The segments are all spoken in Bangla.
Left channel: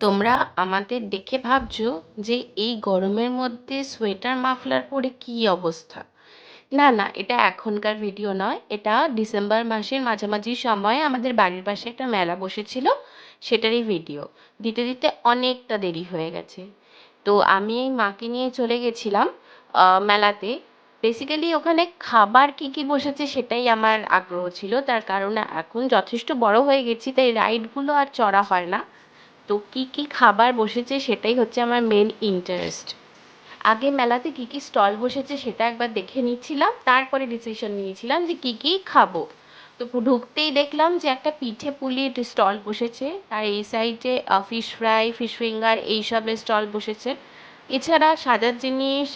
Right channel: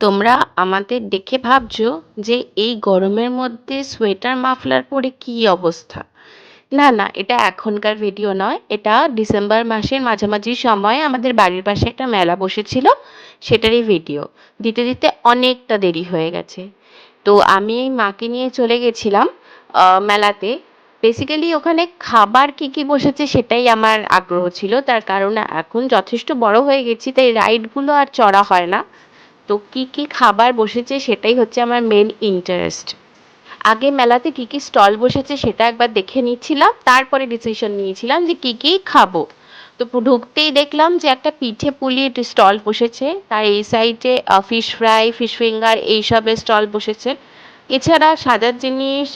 তোমরা আমাদের দেখে ভাবছ যে এই গরমের মধ্যে সোয়েটার মাফলার পরে কী অবস্থা? না না, এটা এখনকার ভিডিও নয়। এটা ডিসেম্বর মাসের মাঝামাঝি সময়ে আমাদের বাড়ির পাশে একটা মেলা বসেছিল, সেটারই ভিডিও। দিতে দিতে অনেকটা দেরি হয়ে গেছে। তো আমি এই মাকে নিয়ে চলে গেছিলাম মেলাতে। বেসিক্যালি ওখানে খাবার কি কি বসেছে সেটাই আমার আগ্রহ ছিল। তার কারণ এখন যথেষ্ট বড় হয়ে গেছি, তাই রাইডগুলো আর চড়া হয় না। তো কী কী খাবার বসেছে সেটাই হচ্ছে আমার মেন ইন্টারেস্ট আগে মেলাতে কী কী স্টল বসেছে সেটা একবার দেখে নিচ্ছিলাম, তারপরে ডিসিশন নিয়েছিলাম যে কী কী খাব। তো ঢুকতেই দেখলাম যে একটা পিঠে পুলির স্টল বসেছে, তার এই সাইডে ফিশ ফ্রাই ফিশ ফিঙ্গার এইসবের স্টল বসেছে। এছাড়া সাজার জিনিস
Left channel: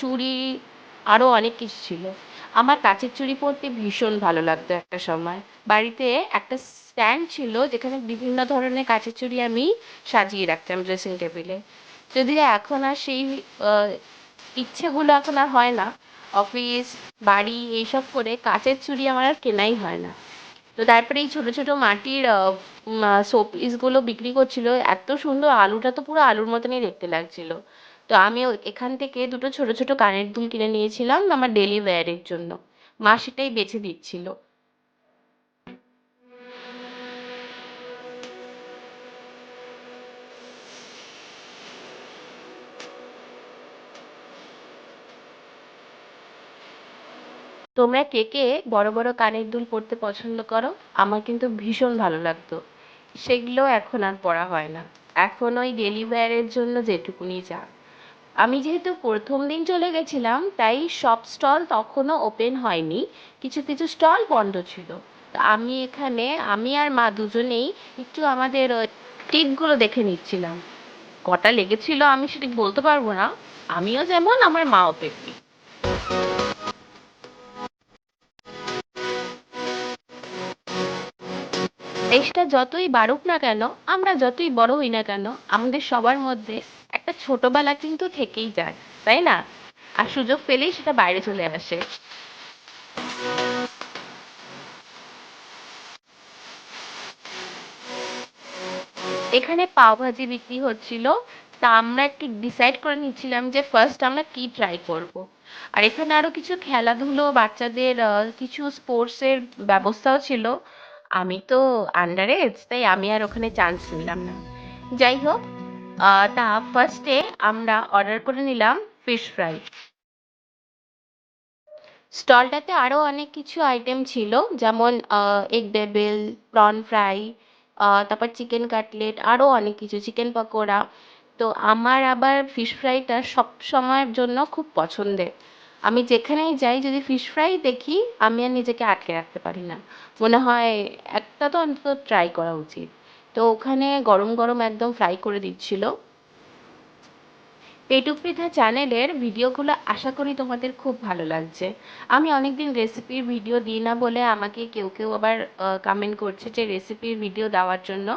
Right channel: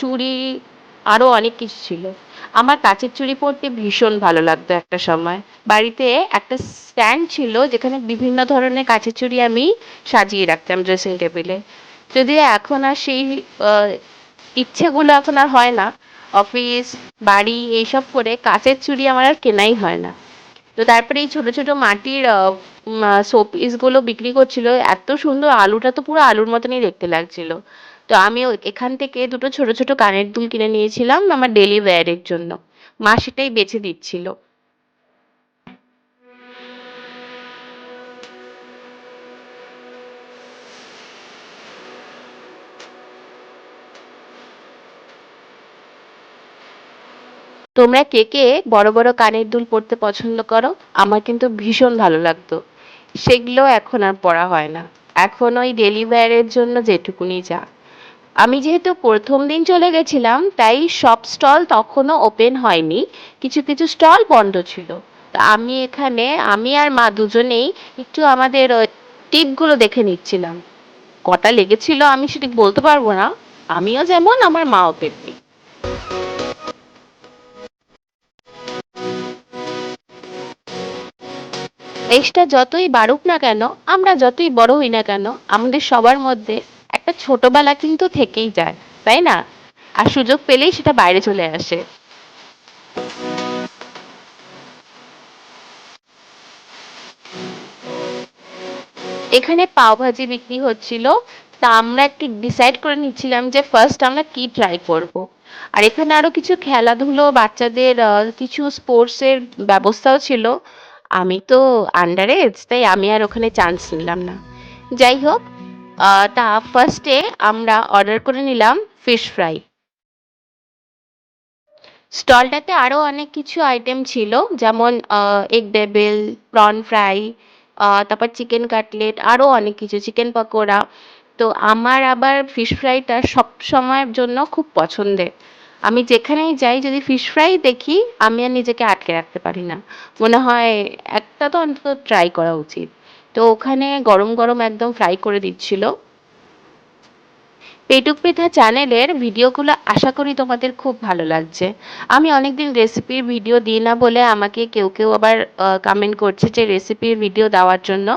চুড়ি আরও অনেক কিছু ছিল। আমার কাচের চুড়ি পরতে ভীষণ ভালো লাগতো একটা সময়। বাড়িতে একটা স্ট্যান্ড ছিল যেখানে বিভিন্ন ধরনের কাচের চুড়ি আমি সাজিয়ে রাখতাম ড্রেসিং টেবিলে যদি এখন আর সেই ইচ্ছেগুলো এখন আর হয় না। অফিস, বাড়ি এইসব করে কাচের চুড়ি আমার আর কেনাই হয় না। তো তারপরে এই ছোট ছোট মাটির শোপিসগুলো বিক্রি করছিল, এত সুন্দর আলুটা তো পুরো আলুর মতনই দেখতে লাগছিল। তো আমি এখান থেকে দুটো ছোট ছোট কানের দুল কিনে নিয়েছিলাম আমার ডেলি ওয়্যারের জন্য। মা সেটাই বেছে দিচ্ছিল। তোমরা কে কে বড় বড় কানের দুল পরতে পছন্দ করো? আমার কিন্তু ভীষণ ভালো লাগতো। সেগুলো এখন আর পড়া হয় না। এখন ওই ডেলি ওয়্যারের জন্য যেটুকুনি যা। আমি যেহেতু প্রথম দিন চলে গেছিলাম, তাই সব স্টল তখনও ওপেন হয়নি। কিছু কিছু স্টল বন্ধ ছিল। তো আমি এখানে, আমি আর মা দুজনেই একটু আমাদের টিপগুলো দেখে নিচ্ছিলাম। কটা লেগেছিল আমি সেটা বলতে পারব না। আমিও যেমন, আমার মাও তেমনি। এজটা যতই বাড়ুক না কেন, আমরা যতই বড় হই না কেন, আমাদের সবার মধ্যে একটা ছোটবেলা কিন্তু থেকেই যায়, তাই না? আর সুযোগ পেলেই সেটা বাইরে চলে আসে। এখানে পাও ভাজি বিক্রি হচ্ছিল। তা আমরা একটু ডিসাইড করে নিচ্ছিলাম যে ফার্স্ট আমরা কি ট্রাই করব। আর এখানে আরও কিছু খেলাধুলো, বাচ্চাদের কিছু স্পোর্টস এর ব্যবস্থাও ছিল। আমি তো আন্ডার এজ তাই আমি আর ওখানে চান্স নিলাম না। যাই হোক তা ফার্স্টে আমরা অর্ডার করে নিলাম ফিশ ফ্রাই স্টলটাতে আরও অনেক কিছু আইটেম ছিল, যেমন এগ ডেভিল প্রন ফ্রাই তারপর চিকেন কাটলেট আরও অনেক কিছু চিকেন পকোড়া। তো আমার আবার ফিশ ফ্রাইটা সব সময়ের জন্য খুব পছন্দের। আমি যেখানেই যাই, যদি ফিশ ফ্রাই দেখি, আমি আর নিজেকে আটকে রাখতে পারি না। মনে হয় একটা তো অন্তত ট্রাই করা উচিত। তো ওখানে গরম গরম একদম ফ্রাই করে দিচ্ছিল। পেটুক পেঠা চ্যানেলের ভিডিওগুলো আশা করি তোমাদের খুব ভালো লাগছে। আমি অনেকদিন রেসিপির ভিডিও দিই না বলে আমাকে কেউ কেউ আবার কমেন্ট করছে যে রেসিপির ভিডিও দেওয়ার জন্য।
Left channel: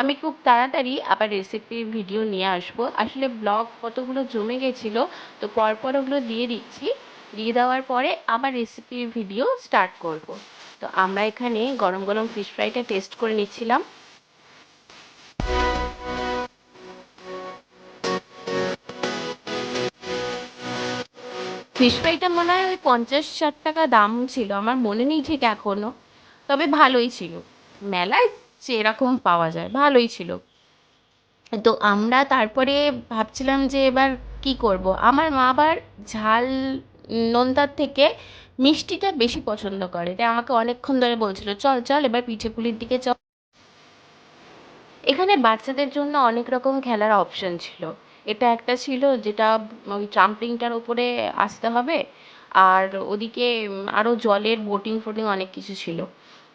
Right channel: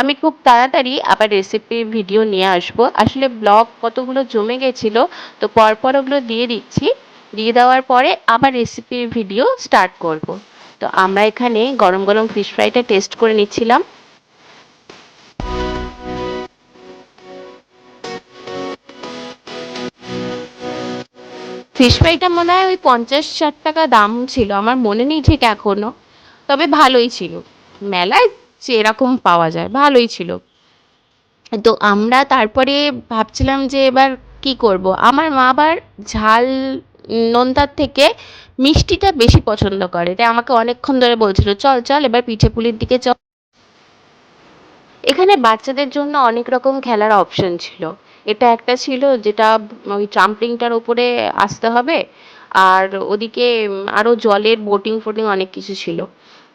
আমি খুব তাড়াতাড়ি আবার রেসিপির ভিডিও নিয়ে আসব। আসলে ব্লগ কতগুলো জমে গেছিল, তো পরপর ওগুলো দিয়ে দিচ্ছি। দিয়ে দেওয়ার পরে আবার রেসিপির ভিডিও স্টার্ট করব। তো আমরা এখানে গরম গরম ফিশ ফ্রাইটা টেস্ট করে নিচ্ছিলাম। ফিশ ফ্রাইটা মনে হয় ওই পঞ্চাশ ষাট টাকা দাম ছিল। আমার মনে নেই ঠিক এখনও। তবে ভালোই ছিল। মেলায় যেরকম পাওয়া যায়, ভালোই ছিল। তো আমরা তারপরে ভাবছিলাম যে এবার কি করব? আমার মা আবার ঝাল নোনতার থেকে মিষ্টিটা বেশি পছন্দ করে। তাই আমাকে অনেকক্ষণ ধরে বলছিল, চল চল, এবার পিঠে পুলির দিকে চল এখানে বাচ্চাদের জন্য অনেক রকম খেলার অপশন ছিল। এটা একটা ছিল যেটা ওই ট্রাম্পলিংটার ওপরে আসতে হবে। আর ওদিকে আরও জলের বোটিং ফোটিং অনেক কিছু ছিল।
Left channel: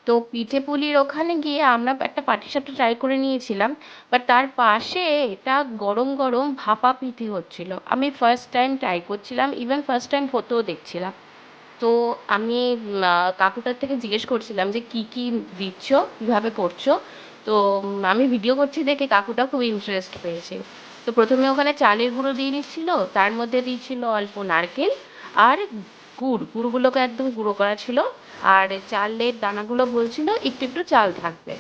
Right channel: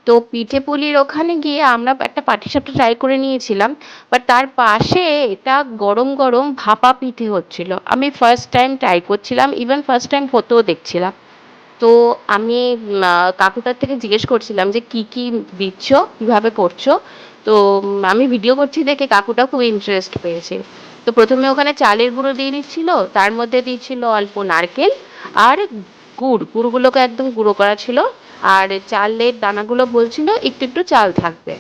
তো পিঠে পুলির ওখানে গিয়ে আমরা একটা পাটিসাপটা ট্রাই করে নিয়েছিলাম বাট তার পাশে এটা গরম গরম ভাপা পিঠে হচ্ছিল। আমি ফার্স্ট টাইম ট্রাই করছিলাম ইভেন ফার্স্ট টাইম হতেও দেখছিলাম। তো আমি কাকুটার থেকে জিজ্ঞেস করছিলাম যে কি কি দিচ্ছ, কীভাবে করছ? তো আমি ভিডিও করছি দেখে কাকুটা খুব ইন্টারেস্ট পেয়েছে। তো প্রথমে ওখানে চালের গুঁড়ো দিয়ে দিচ্ছিল তার মধ্যে দিচ্ছিল অল্প নারকেল আর গুড়। গুড়গুলোকে একদম গুঁড়ো করা ছিল। আর চালের দানাগুলো বলছিল একটু একটু চাল থাকবে।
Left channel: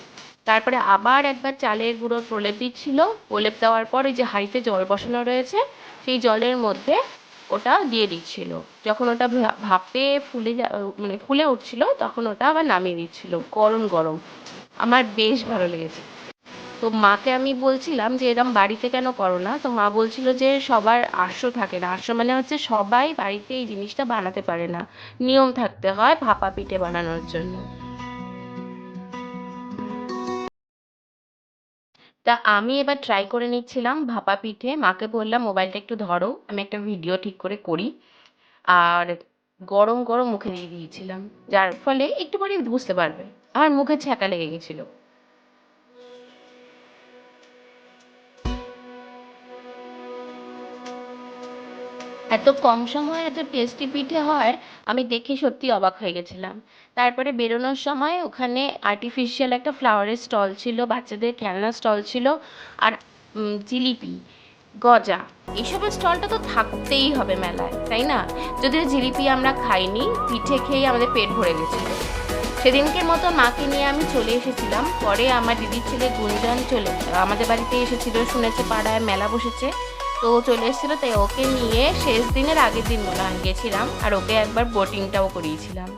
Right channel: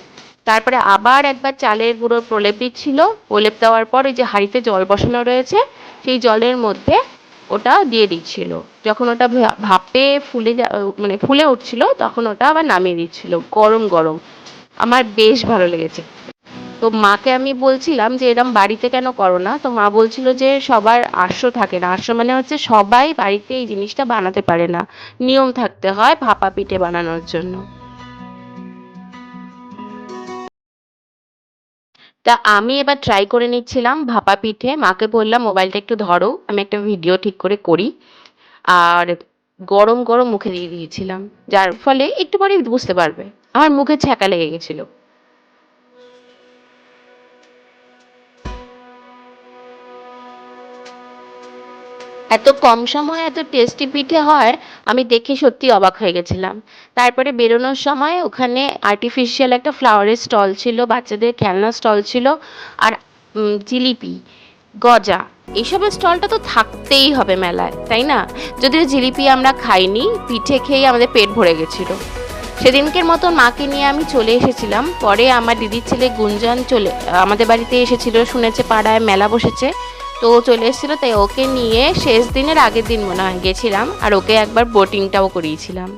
তারপরে আবার একবার চালের গুঁড়োর প্রলেপ দিচ্ছিল। প্রলেপ দেওয়ার পর ওই যে হাঁড়িতে জল বসানো রয়েছে, সেই জলের মধ্যে ওটা দিয়ে দিচ্ছিল। যখন ওটা ভাপে ফুলে মানে ফুলে উঠছিল, তখন ওটা আবার নামিয়ে দিচ্ছিল, গরম গরম। আমার বেশ ভালো লেগেছে। তো মাকে আমি বলছিলাম যে, এরম বাড়িতে কেন করো না? তো মা বলছিল যে, সবার আশ্র থাকে না। আশ্র মানে হচ্ছে সবাই বাড়িতে এই জিনিসটা বানাতে পারে না। নিয়ম থাকতে হয় ভাপা পিঠে বানানোর জন্য। তা আমি এবার ট্রাই করে নিচ্ছিলাম ভাপা পিঠে। মাকে বললাম, মোবাইলটা একটু ধরো, আমি একটা ভিডিও ঠিক করে করি। আর গরম গরম মুখে দিয়ে দিয়েছিলাম। যার ফলে একটু পরে বুঝতে পারবে। আমার মুখে ছ্যাঁকা লেগে গেছিল। এত কম সময়ে এত টেস্টি পিঠে হয়, আমি দেখে সত্যি অবাক হয়ে গেছিলাম। তারপরে বেরোনোর সময় ওখানে আর্টিফিশিয়াল একটা ফ্লাওয়ারের স্টল ছিল, বাচ্চাদের খেলনার স্টল ছিল, আর জিলিপি, গজা এইসবের স্টলটা তো থাকতেই হবে মেলায়, তাই না? যদিও জিলিপি আমরা খাইনি, পিঠে খেয়ে আমাদের পেট ভরে গেছিল। সেদিনকের মতো মাকে নিয়ে আমি চলে এসেছিলাম, পরে আমার দিদির ছেলে গুঞ্জন চলে, আমাদের বাড়িতে এসেছিল, শুনেছে পাড়ায়, মেলা বসেছে। তো ও চলে এসেছিল, তাই ওকে নিয়ে শেষ দিনের আগের দিন মনে হয় গেছিলাম, আর ওকে একবার বোটিংটাও করিয়েছিলাম।